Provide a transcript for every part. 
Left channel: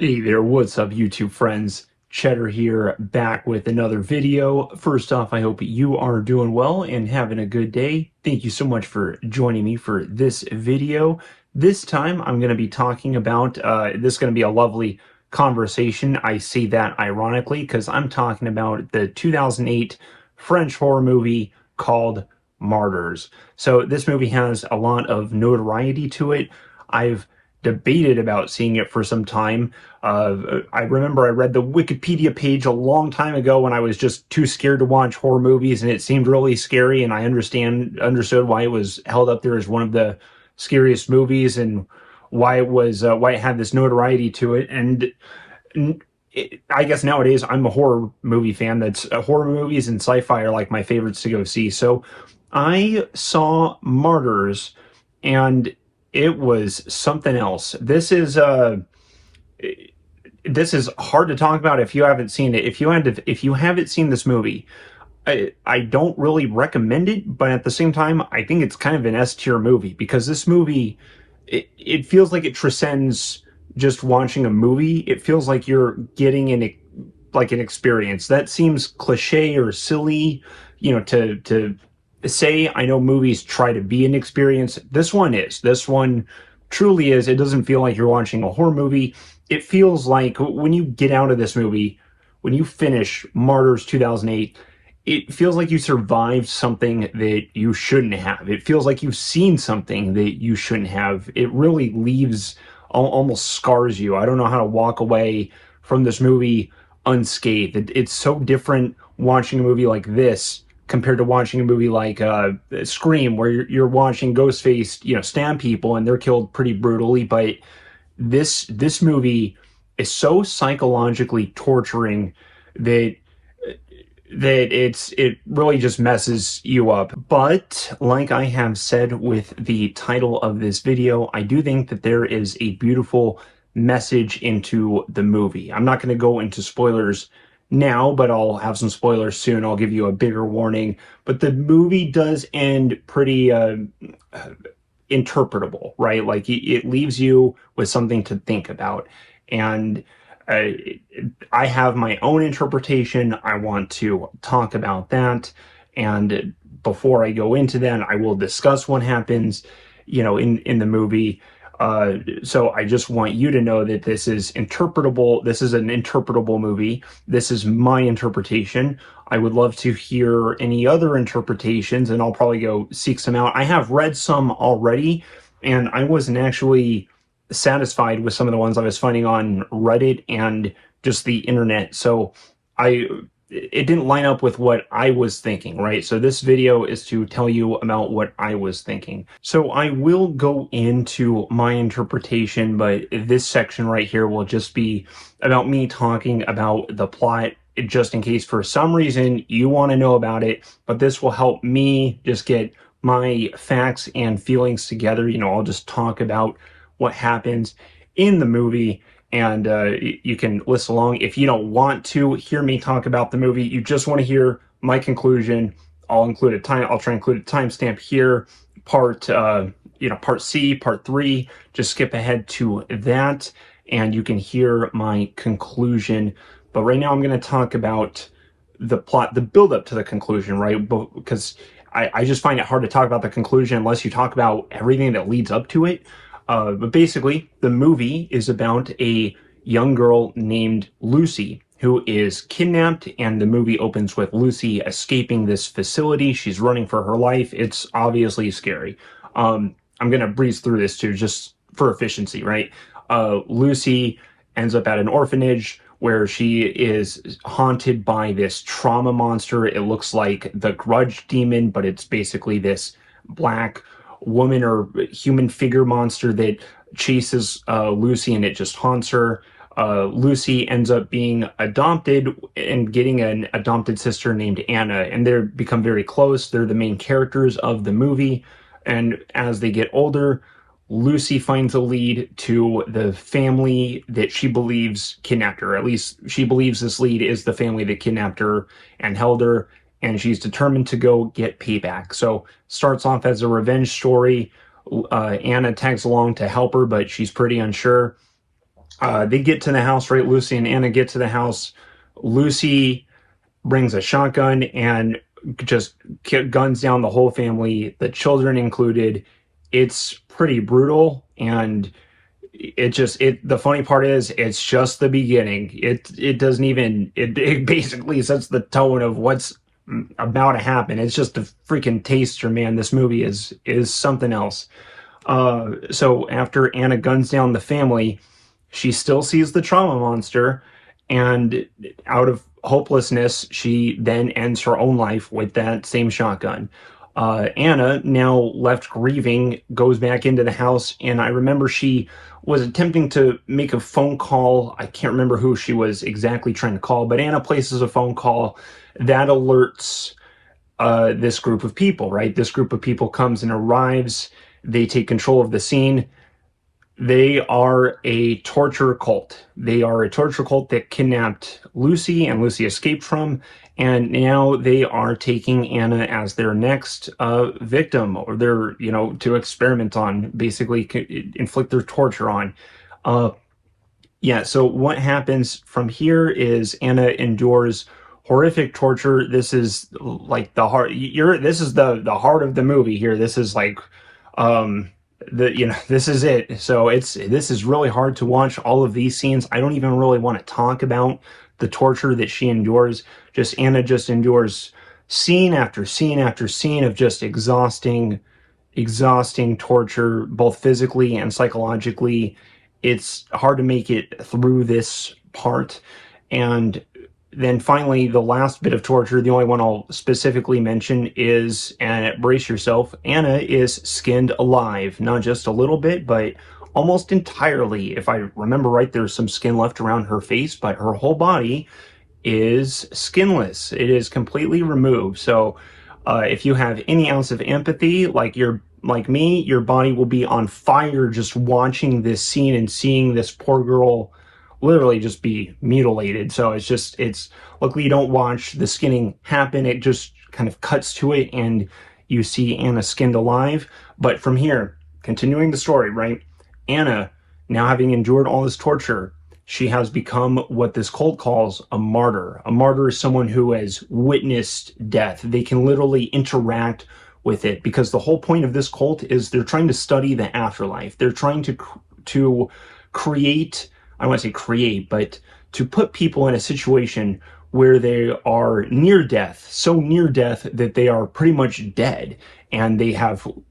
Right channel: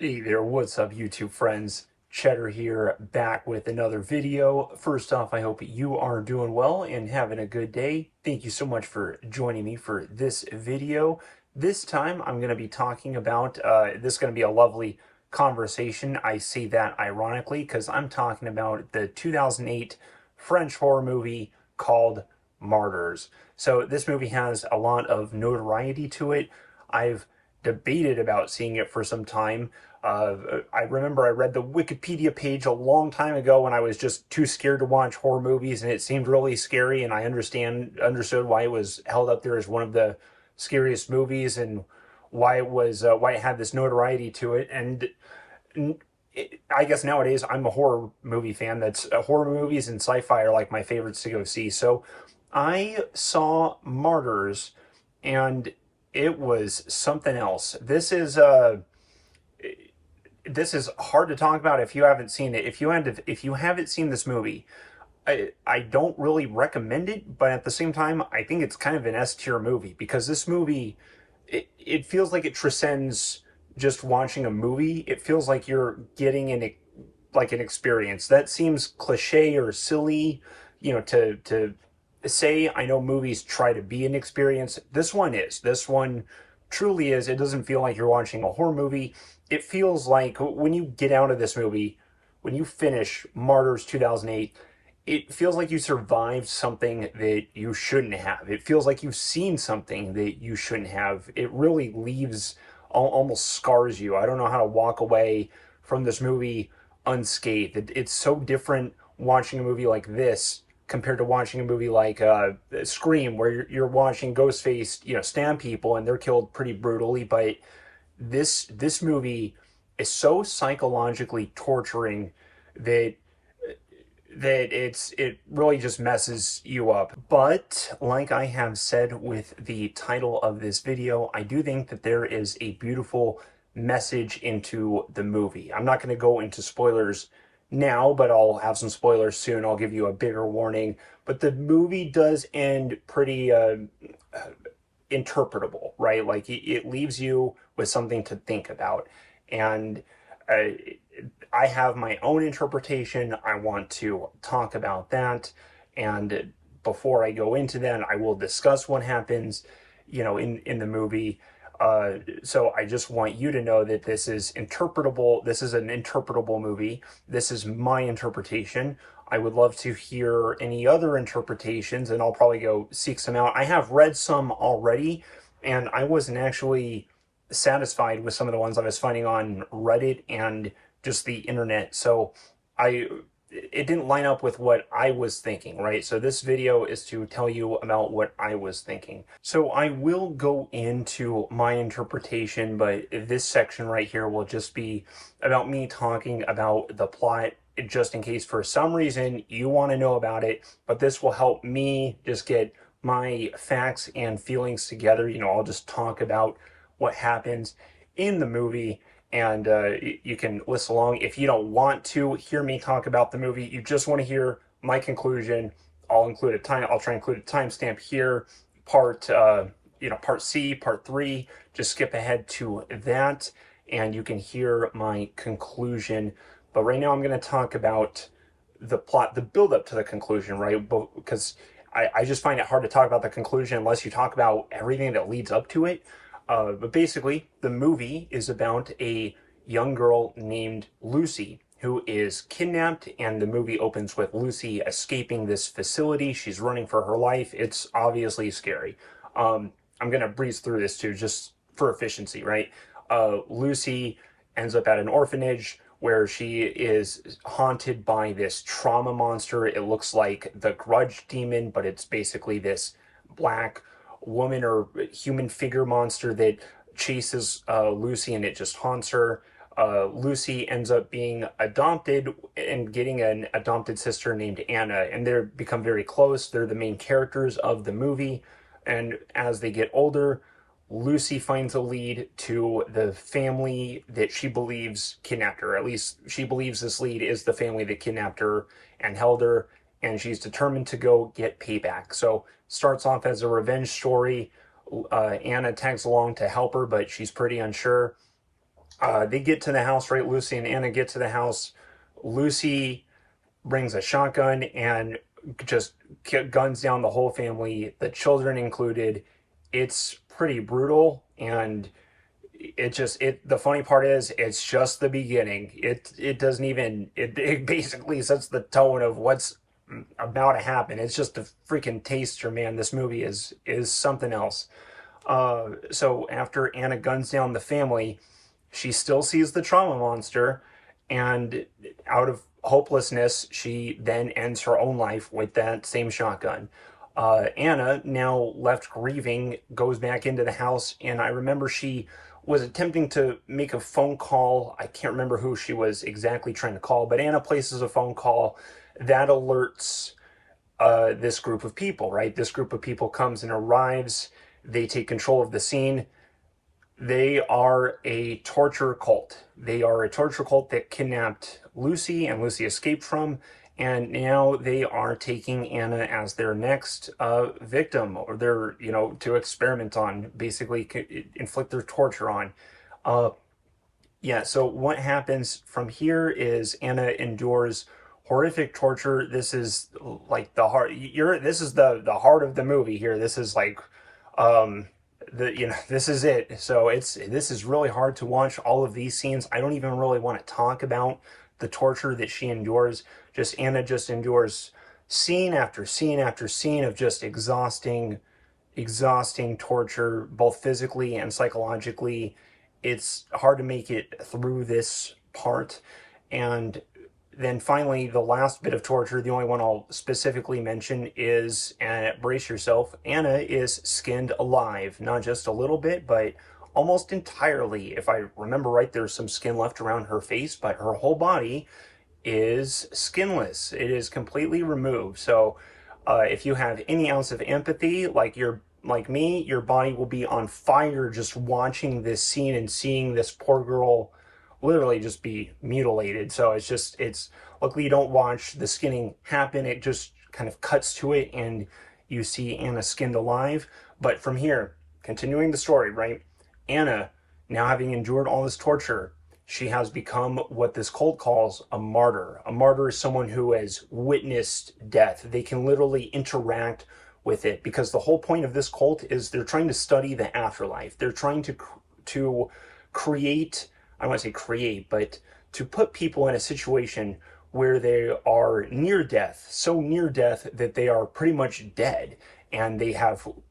Hey there, what's up YouTube friends? Cheddar here, back with another video. First off, I hope you are doing well and having a good day. Thank you so much for joining me for this video. This time I'm going to be talking about, this is going to be a lovely conversation. I say that ironically because I'm talking about the 2008 French horror movie called Martyrs. So this movie has a lot of notoriety to it. I've debated about seeing it for some time. I remember I read the Wikipedia page a long time ago when I was just too scared to watch horror movies, and it seemed really scary. And I understood why it was held up there as one of the scariest movies, and why it had this notoriety to it. And I guess nowadays I'm a horror movie fan. That's horror movies and sci-fi are like my favorites to go see. So I saw Martyrs, and it was something else. This is hard to talk about if you haven't seen it. If you haven't seen this movie, I don't really recommend it, but at the same time, I think it's kind of an S tier movie because this movie, it feels like it transcends just watching a movie. It feels like you're getting an experience. That seems cliche or silly, to say. I know movies try to be an experience. This one is. This one truly is. It doesn't feel like you're watching a horror movie. It feels like when you get out of this movie, when you finish Martyrs 2008, it feels like you survived something that you shouldn't have. It feels like you've seen something that you shouldn't have. It really leaves, almost scars you. I don't know how to walk away from this movie unscathed. It's so different watching a movie like this compared to watching a movie like Scream, where you're watching Ghostface, stab people and they're killed pretty brutally. But this movie is so psychologically torturing that it really just messes you up. But like I have said with the title of this video, I do think that there is a beautiful message into the movie. I'm not going to go into spoilers now, but I'll have some spoilers soon. I'll give you a bigger warning. But the movie does end pretty interpretable, right? Like it leaves you with something to think about. And uh, I have my own interpretation. I want to talk about that. And before I go into that, I will discuss what happens, in the movie. So I just want you to know that this is interpretable. This is an interpretable movie. This is my interpretation. I would love to hear any other interpretations, and I'll probably go seek some out. I have read some already, and I wasn't actually satisfied with some of the ones I was finding on Reddit and just the internet. So I it didn't line up with what I was thinking, right? So this video is to tell you about what I was thinking. So I will go into my interpretation, but this section right here will just be about me talking about the plot, just in case for some reason you want to know about it. But this will help me just get my facts and feelings together. I'll just talk about what happens in the movie, and you can listen along. If you don't want to hear me talk about the movie, you just want to hear my conclusion, I'll try and include a timestamp here. Part C, part 3, just skip ahead to that and you can hear my conclusion. But right now I'm going to talk about the plot, the build up to the conclusion, right? Because I just find it hard to talk about the conclusion unless you talk about everything that leads up to it. But basically, the movie is about a young girl named Lucy who is kidnapped, and the movie opens with Lucy escaping this facility. She's running for her life. It's obviously scary. I'm going to breeze through this too, just for efficiency, right? Lucy ends up at an orphanage where she is haunted by this trauma monster. It looks like the Grudge demon, but it's basically this black woman or human figure monster that chases Lucy, and it just haunts her. Lucy ends up being adopted and getting an adopted sister named Anna, and they become very close. They're the main characters of the movie, and as they get older, Lucy finds a lead to the family that she believes kidnapped her. At least she believes this lead is the family that kidnapped her and held her, and she's determined to go get payback. So starts off as a revenge story. Anna tags along to help her, but she's pretty unsure. They get to the house, right? Lucy and Anna get to the house. Lucy brings a shotgun and just guns down the whole family, the children included. It's pretty brutal, and the funny part is it's just the beginning. It doesn't even it basically sets the tone of what's about to happen. It's just a freaking taster, man. This movie is something else. So after Anna guns down the family, she still sees the trauma monster, and out of hopelessness, she then ends her own life with that same shotgun. Anna, now left grieving, goes back into the house, and I remember she was attempting to make a phone call. I can't remember who she was exactly trying to call, but Anna places a phone call that alerts this group of people, right? This group of people comes and arrives. They take control of the scene. They are a torture cult. They are a torture cult that kidnapped Lucy and Lucy escaped from, and now they are taking Anna as their next victim, or their, to experiment on, basically inflict their torture on. Yeah, so what happens from here is Anna endures horrific torture. This is like the heart. This is the heart of the movie here. This is like, this is it. So this is really hard to watch, all of these scenes. I don't even really want to talk about the torture that she endures. Anna just endures scene after scene after scene of just exhausting torture, both physically and psychologically. It's hard to make it through this part. And then finally, the last bit of torture, the only one I'll specifically mention is, and brace yourself, Anna is skinned alive. Not just a little bit, but almost entirely. If I remember right, there's some skin left around her face, but her whole body is skinless. It is completely removed. So if you have any ounce of empathy, like me, your body will be on fire just watching this scene and seeing this poor girl literally just be mutilated. So it's luckily you don't watch the skinning happen. It just kind of cuts to it and you see Anna skinned alive. But from here, continuing the story, right? Anna, now having endured all this torture, she has become what this cult calls a martyr. A martyr is someone who has witnessed death. They can literally interact with it, because the whole point of this cult is they're trying to study the afterlife. They're trying to create, I don't want to say create, but to put people in a situation where they are near death, so near death that they are pretty much dead, and they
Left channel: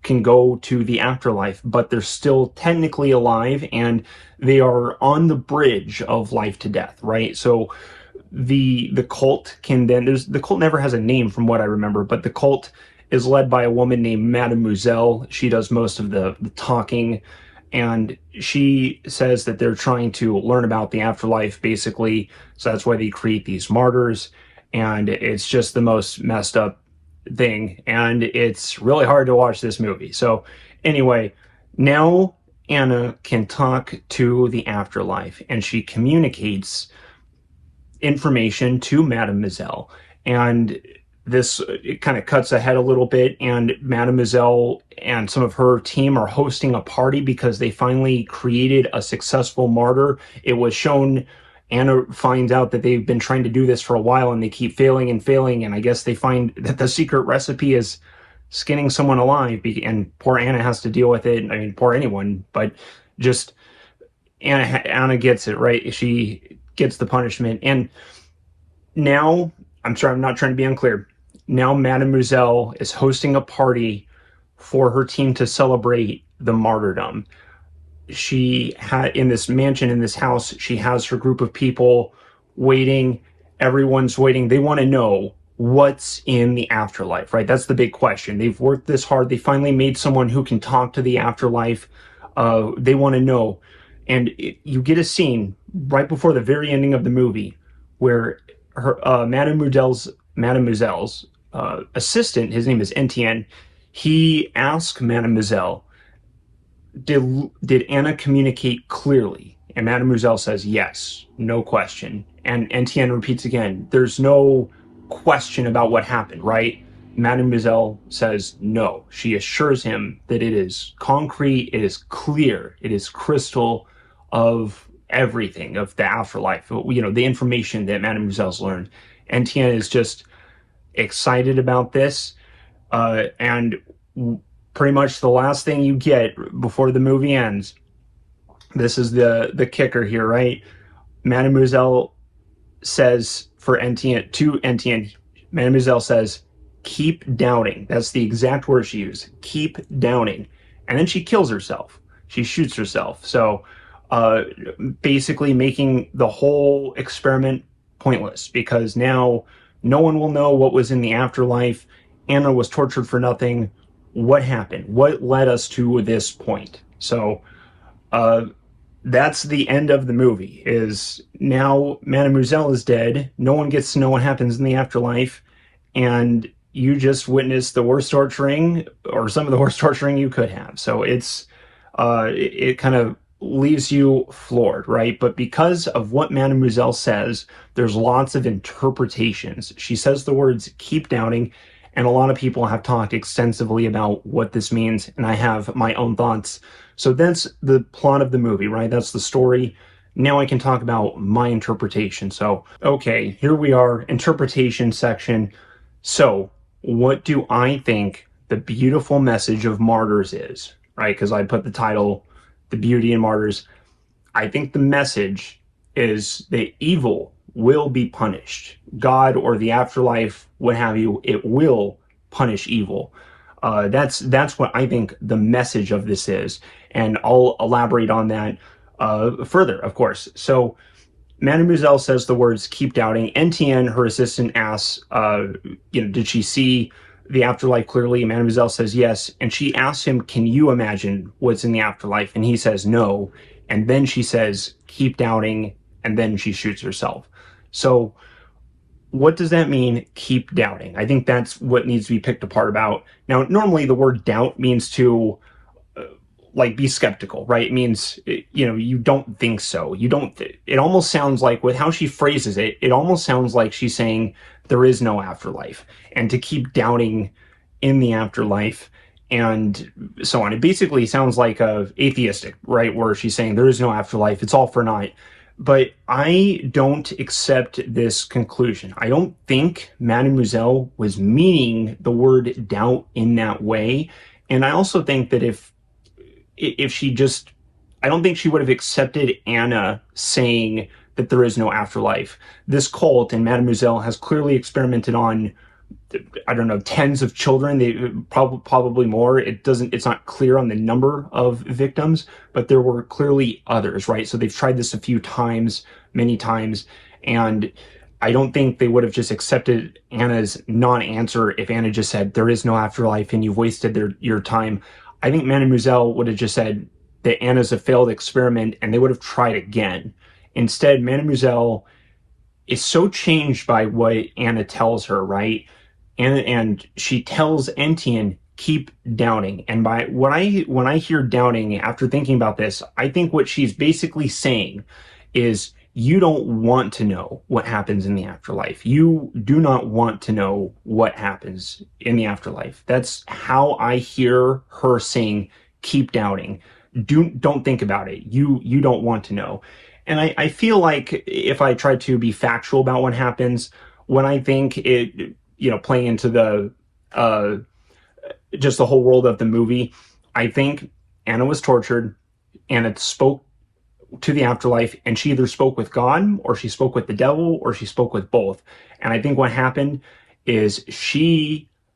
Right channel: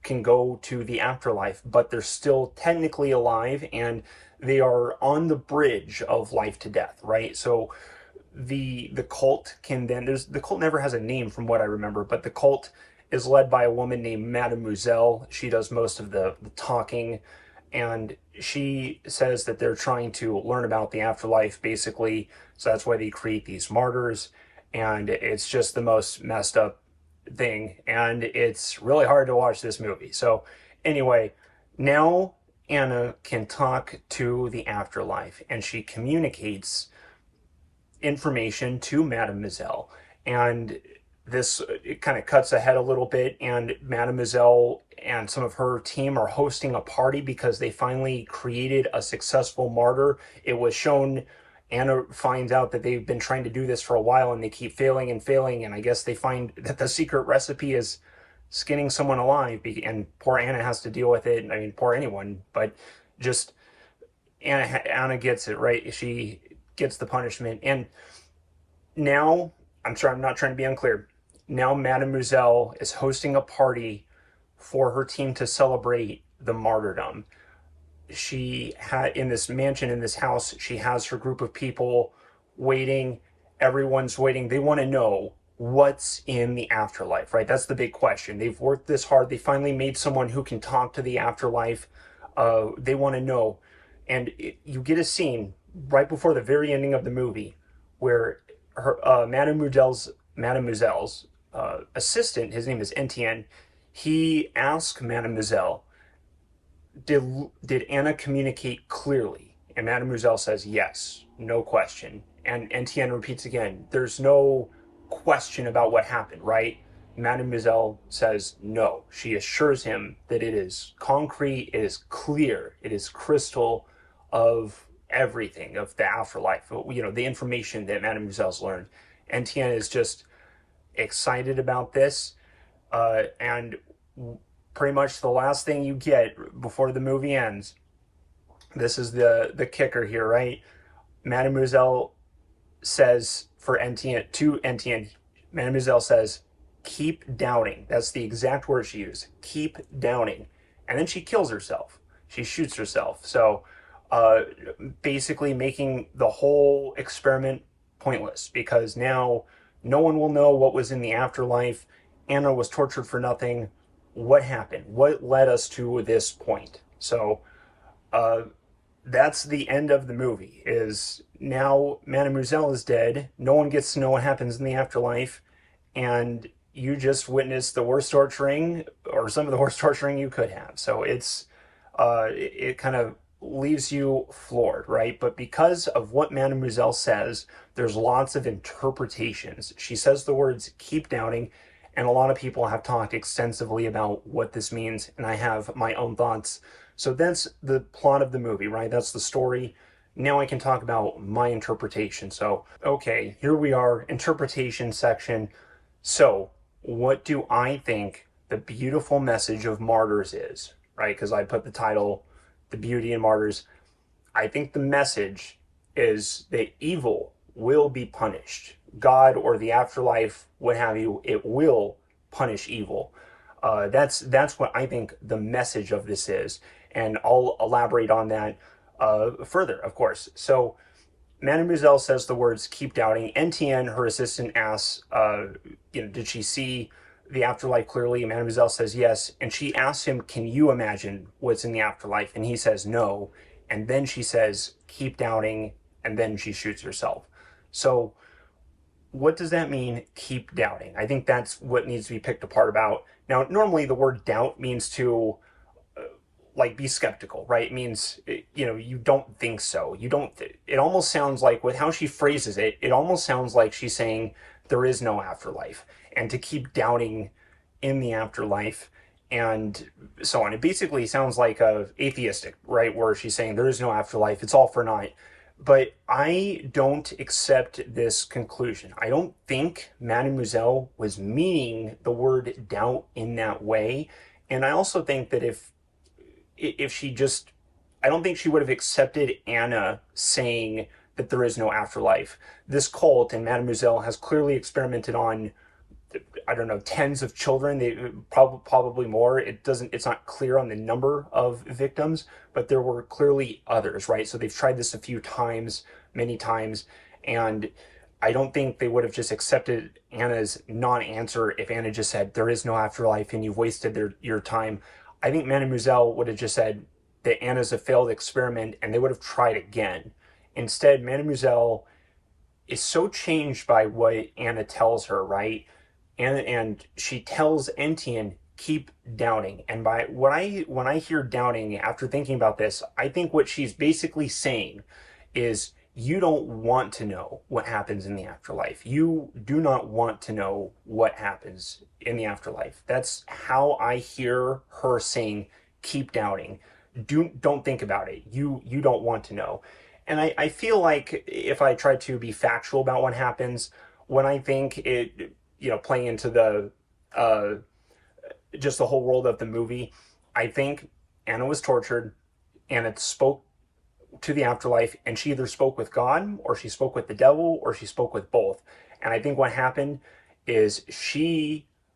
can go to the afterlife, but they're still technically alive, and they are on the bridge of life to death, right? So the cult the cult never has a name from what I remember, but the cult is led by a woman named Mademoiselle. She does most of the talking, and she says that they're trying to learn about the afterlife, basically. So that's why they create these martyrs, and it's just the most messed up thing, and it's really hard to watch this movie. So anyway, now Anna can talk to the afterlife, and she communicates information to Mademoiselle, and it kind of cuts ahead a little bit, and Mademoiselle and some of her team are hosting a party because they finally created a successful martyr. It was shown, Anna finds out that they've been trying to do this for a while and they keep failing and failing, and I guess they find that the secret recipe is skinning someone alive, and poor Anna has to deal with it. I mean, poor anyone, but just Anna gets it, right? She gets the punishment, and now, I'm sorry, I'm not trying to be unclear. Now Mademoiselle is hosting a party for her team to celebrate the martyrdom. She had, in this mansion, in this house, she has her group of people waiting. Everyone's waiting. They want to know what's in the afterlife, right? That's the big question. They've worked this hard. They finally made someone who can talk to the afterlife. They want to know. And you get a scene right before the very ending of the movie where Mademoiselle's assistant, his name is Etienne, he asks Mademoiselle, did Anna communicate clearly? And Mademoiselle says yes, no question. And Etienne repeats again, there's no question about what happened, right? Mademoiselle says no. She assures him that it is concrete, it is clear, it is crystal of everything of the afterlife, the information that Mademoiselle's learned. And Tiana is just excited about this. And pretty much the last thing you get before the movie ends, this is the kicker here, right? Mademoiselle says for Etienne, to Etienne, Mademoiselle says, keep doubting. That's the exact word she used. Keep doubting. And then she kills herself. She shoots herself. So basically making the whole experiment pointless, because now no one will know what was in the afterlife. Anna was tortured for nothing. What happened? What led us to this point? So that's the end of the movie. Is now Mademoiselle is dead. No one gets to know what happens in the afterlife, and you just witnessed the worst torturing, or some of the worst torturing you could have. So it kind of leaves you floored, right? But because of what Mademoiselle says, there's lots of interpretations. She says the words "keep doubting," and a lot of people have talked extensively about what this means, and I have my own thoughts. So that's the plot of the movie, right? That's the story. Now I can talk about my interpretation. So, okay, here we are, interpretation section. So, what do I think the beautiful message of Martyrs is, right? Because I put the title, The Beauty in Martyrs. I think the message is that evil will be punished. God or the afterlife, what have you, it will punish evil. That's what I think the message of this is, and I'll elaborate on that further, of course. So Mademoiselle says the words "keep doubting." Etienne, her assistant, asks, did she see the afterlife clearly? Mademoiselle says yes, and she asks him, "Can you imagine what's in the afterlife?" And he says no, and then she says, "Keep doubting," and then she shoots herself. So what does that mean, keep doubting? I think that's what needs to be picked apart about. Now, normally the word doubt means to be skeptical, right? It means, you don't think so. You don't, it almost sounds like, with how she phrases it, it almost sounds like she's saying there is no afterlife, and to keep doubting in the afterlife and so on. It basically sounds like atheistic, right? Where she's saying there is no afterlife, it's all for naught. But I don't accept this conclusion. I don't think Mademoiselle was meaning the word doubt in that way. And I also think that if she just, I don't think she would have accepted Anna saying that there is no afterlife. This cult, and Mademoiselle has clearly experimented on, I don't know, tens of children, probably more. It's not clear on the number of victims, but there were clearly others, right? So they've tried this a few times, many times, and I don't think they would have just accepted Anna's non-answer if Anna just said, there is no afterlife and you've wasted your time. I think Mademoiselle would have just said that Anna's a failed experiment, and they would have tried again. Instead, Mademoiselle is so changed by what Anna tells her, right? And she tells Etienne, keep doubting. And when I hear doubting, after thinking about this, I think what she's basically saying is, you don't want to know what happens in the afterlife. You do not want to know what happens in the afterlife. That's how I hear her saying, keep doubting. Don't think about it. You don't want to know. And I feel like if I try to be factual about what happens, when I think it, playing into the just the whole world of the movie, I think Anna was tortured. Anna spoke to the afterlife, and she either spoke with God, or she spoke with the devil, or she spoke with both. And I think what happened is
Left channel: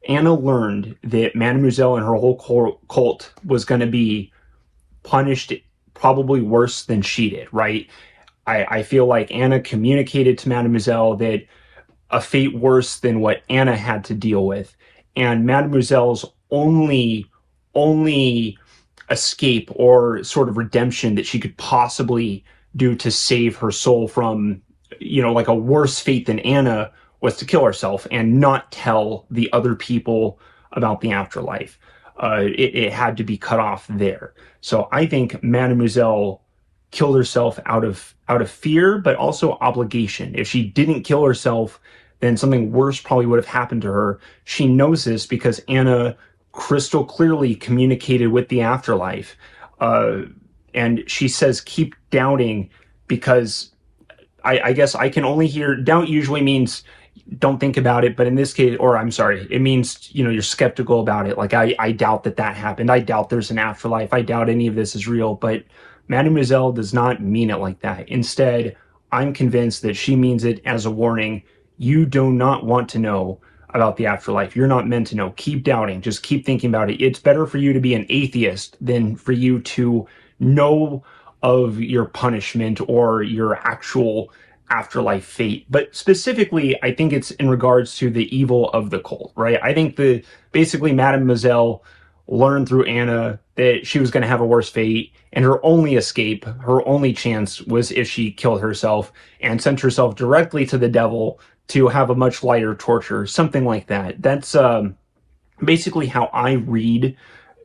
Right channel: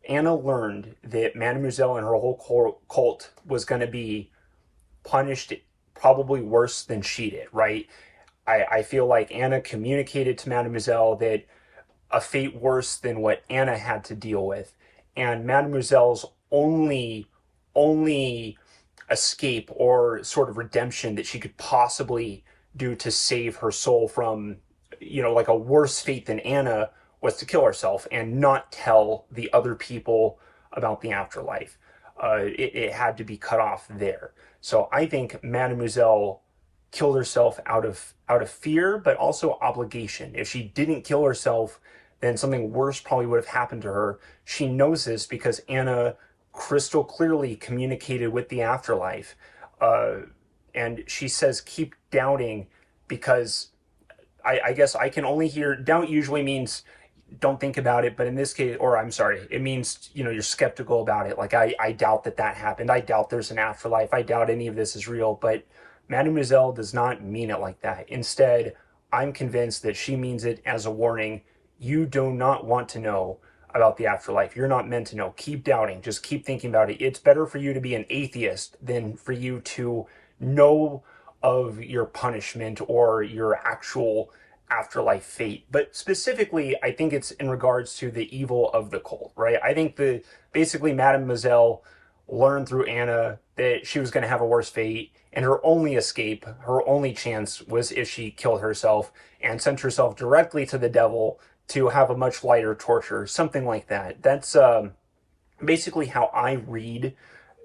Anna learned that Mademoiselle and her whole cult was going to be punished probably worse than she did, right? I feel like Anna communicated to Mademoiselle that a fate worse than what Anna had to deal with, and Mademoiselle's only escape or sort of redemption that she could possibly do to save her soul from, like a worse fate than Anna, was to kill herself and not tell the other people about the afterlife. It had to be cut off there. So I think Mademoiselle killed herself out of fear, but also obligation. If she didn't kill herself, then something worse probably would have happened to her. She knows this because Anna crystal clearly communicated with the afterlife. And she says, keep doubting, because I guess I can only hear doubt usually means don't think about it, but in this case, or I'm sorry, it means, you're skeptical about it. Like, I doubt that happened. I doubt there's an afterlife. I doubt any of this is real. But Mademoiselle does not mean it like that. Instead, I'm convinced that she means it as a warning. You do not want to know about the afterlife. You're not meant to know. Keep doubting. Just keep thinking about it. It's better for you to be an atheist than for you to know of your punishment or your actual afterlife fate. But specifically, I think it's in regards to the evil of the cult, right? I think basically Mademoiselle learned through Anna that she was going to have a worse fate, and her only escape, her only chance, was if she killed herself and sent herself directly to the devil to have a much lighter torture, something like that. That's basically how I read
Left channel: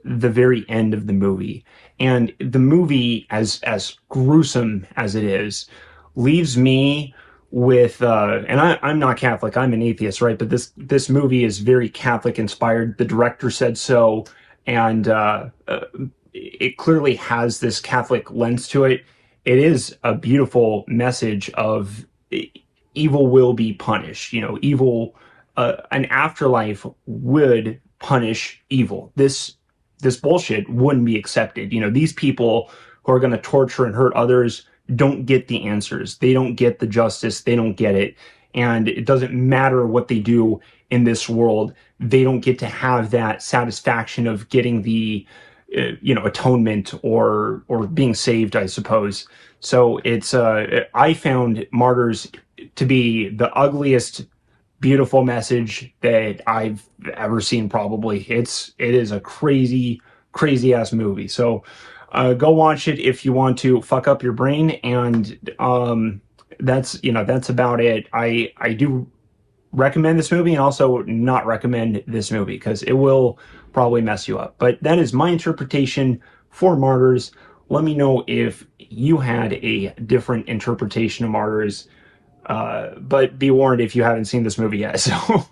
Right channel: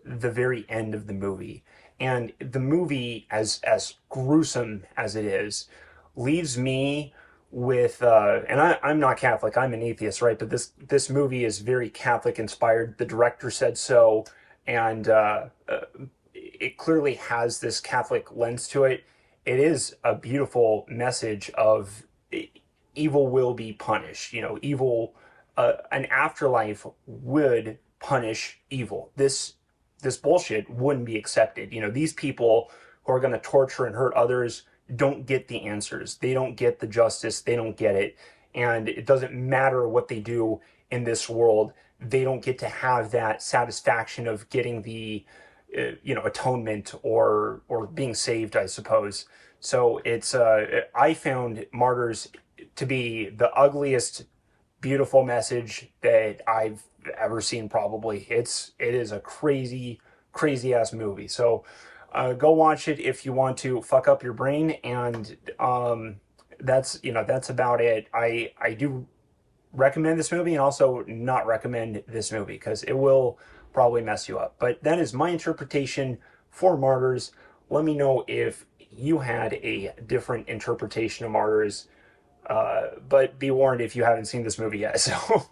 the very end of the movie. And the movie, as gruesome as it is, leaves me with and I'm not Catholic, I'm an atheist, right? But this movie is very Catholic inspired. The director said so, and it clearly has this Catholic lens to it. It is a beautiful message of evil will be punished. Evil, an afterlife would punish evil. This bullshit wouldn't be accepted. These people who are going to torture and hurt others don't get the answers. They don't get the justice. They don't get it. And it doesn't matter what they do in this world. They don't get to have that satisfaction of getting the, atonement or being saved, I suppose. So it's, I found Martyrs to be the ugliest, beautiful message that I've ever seen, probably. It is a crazy, crazy ass movie. So go watch it if you want to fuck up your brain, and that's about it. I do recommend this movie and also not recommend this movie because it will probably mess you up. But that is my interpretation for Martyrs. Let me know if you had a different interpretation of Martyrs. But be warned if you haven't seen this movie yet, so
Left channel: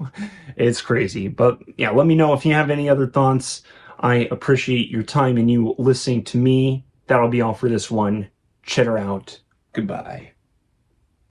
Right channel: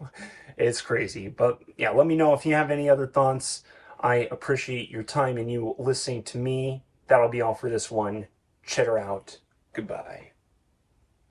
it's crazy. But yeah, let me know if you have any other thoughts. I appreciate your time and you listening to me. That'll be all for this one. Cheddar out. Goodbye.